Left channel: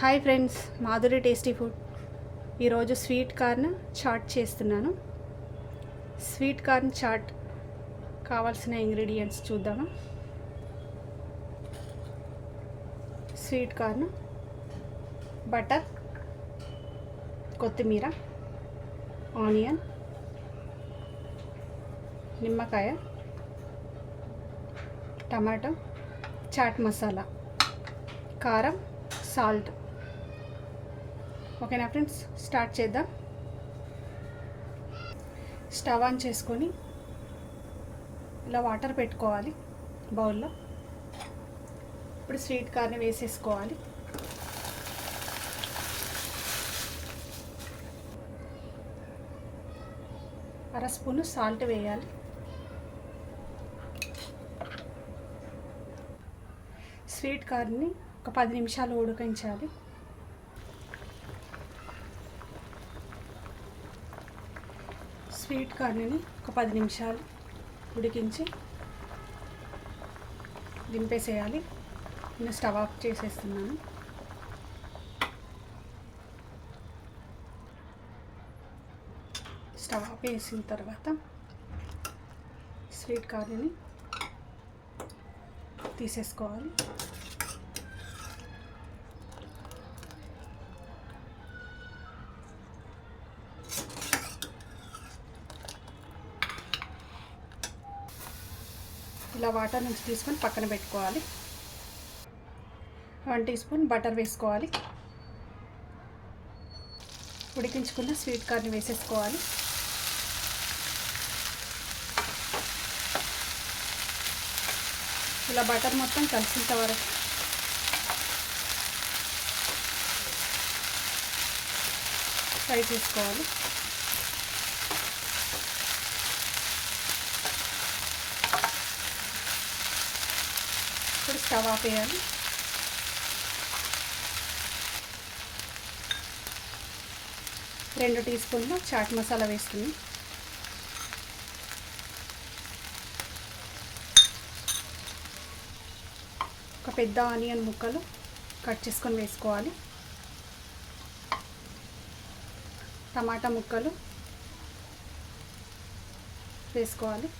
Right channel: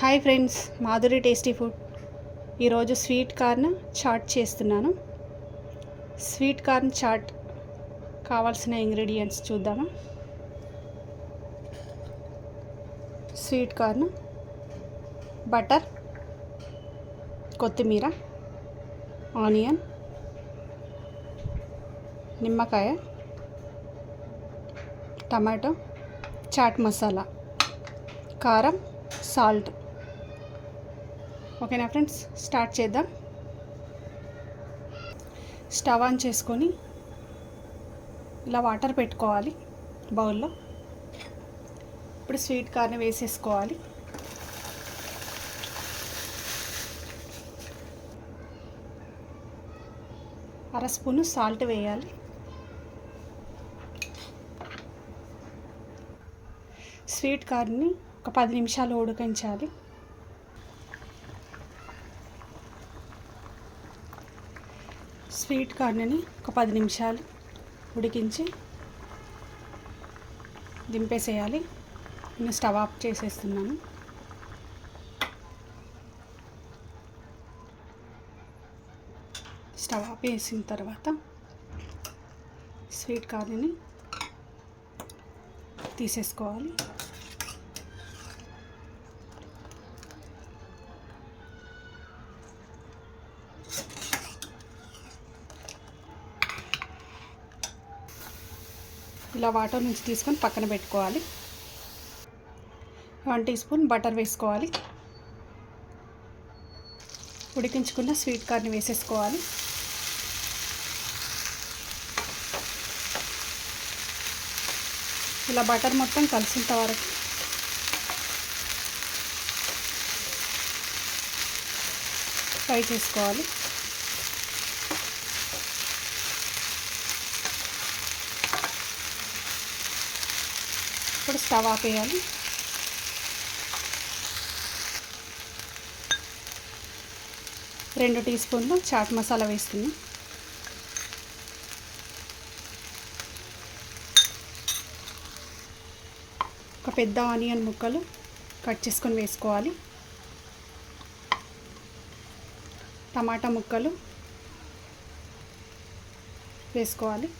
Hi friends Madhuri tasty food. ఈరోజు sweet corn chaat చేస్తున్నాను. Sweet corn chaat కావాల్సిన ఇంగ్రీడియంట్స్ చూద్దామా? స్వీట్ కార్న్ బటర్ కొత్తిమీర ఆనియన్ నిమ్మకాయ టమాటో చాట్ మసాలా కారం సాల్ట్. ఓకేనా ఫ్రెండ్స్? స్టార్ట్ చేద్దాం. స్టవ్ ఆన్ చేసుకొని ఇలా వాటర్ పెట్టుకోవాలి బౌల్లో. ఇప్పుడు స్వీట్ కార్న్ వేసేసుకోవాలి. అర స్పూను సాల్ట్ వేయాలి. స్వీట్ కార్న్ని ఒక పది నిమిషాలు ఉడికించాలి. స్వీట్ కార్న్ని ఒక పది నిమిషాలు ఉడికించి దింపేసేయాలి. నేను స్టవ్ ఆఫ్ చేసేస్తున్నాను. స్టవ్ ఆఫ్ వేసిన తర్వాత స్వీట్ కార్న్ని తీసేసుకోవాలి. ఇలా వాటర్ నుంచి తీసుకొని పక్కన పెట్టుకోవాలి. వన్ టీ స్పూన్ బటర్ వేసుకోవాలి. ఉడికించుకున్న స్వీట్ కార్న్ వేసేసుకోవాలి. ఇలా బటర్ మొత్తం కలిసినంత వరకు ఫ్రై చేసుకోవాలి. ఇప్పుడు స్టవ్ ఆపేయాలి రెండు టీ స్పూన్లు చాట్ మసాలా వేస్తుంది ఒక పెద్ద ఆనియన్ ముక్కలు కట్ చేసుకొని వేసుకోవాలి. టమాటా ముక్కలు వేసుకోవాలి.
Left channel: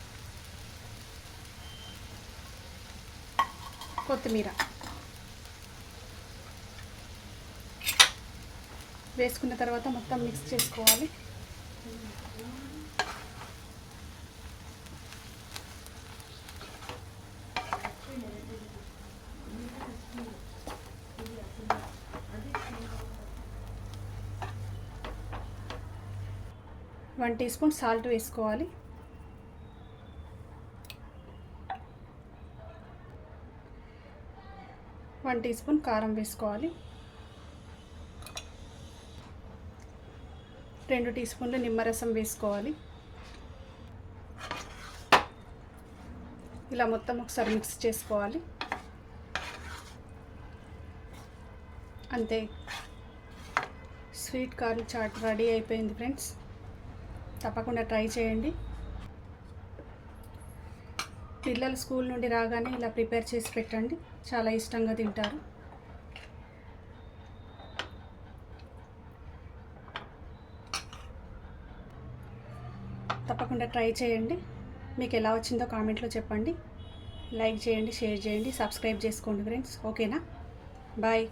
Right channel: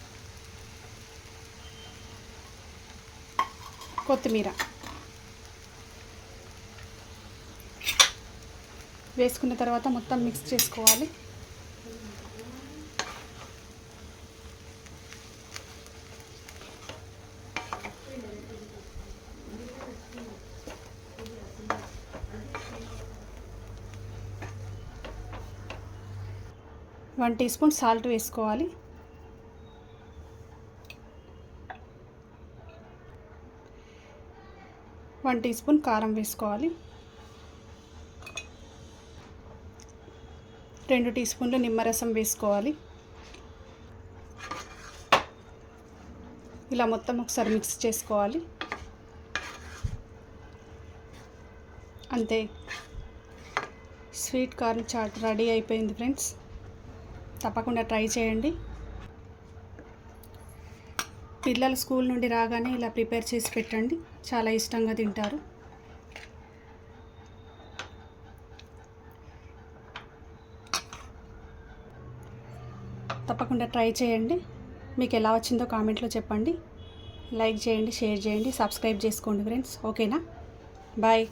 కొత్తిమీర. వేసుకున్న తర్వాత మొత్తం మిక్స్ చేసుకోవాలి. వన్ టీ స్పూన్ సాల్ట్ వేసుకోవాలి. వన్ టీ స్పూన్ కారం వేసుకోవాలి. రెండు టీ స్పూన్లు నిమ్మరసం వేసుకోవాలి. ఇలా మొత్తం ఒకసారి మిక్స్ చేసుకోవాలి. అంతే. స్వీట్ కార్న్ చాట్ రెడీ అయిపోయింది ఫ్రెండ్స్. తప్పకుండా ట్రై చేయండి. పిల్లలు స్కూల్ నుండి రాగానే ఇలా ప్రిపేర్ చేసి పెట్టండి. చాలా ఇష్టంగా తింటారు. తప్పకుండా ట్రై చేయండి. మీకు ఎలా వచ్చిందో కామెంట్లో చెప్పండి. లైక్ చేయండి షేర్ చేయండి సబ్స్క్రైబ్ చేసుకోండి ఫ్రెండ్స్. ఓకేనా? బాయ్.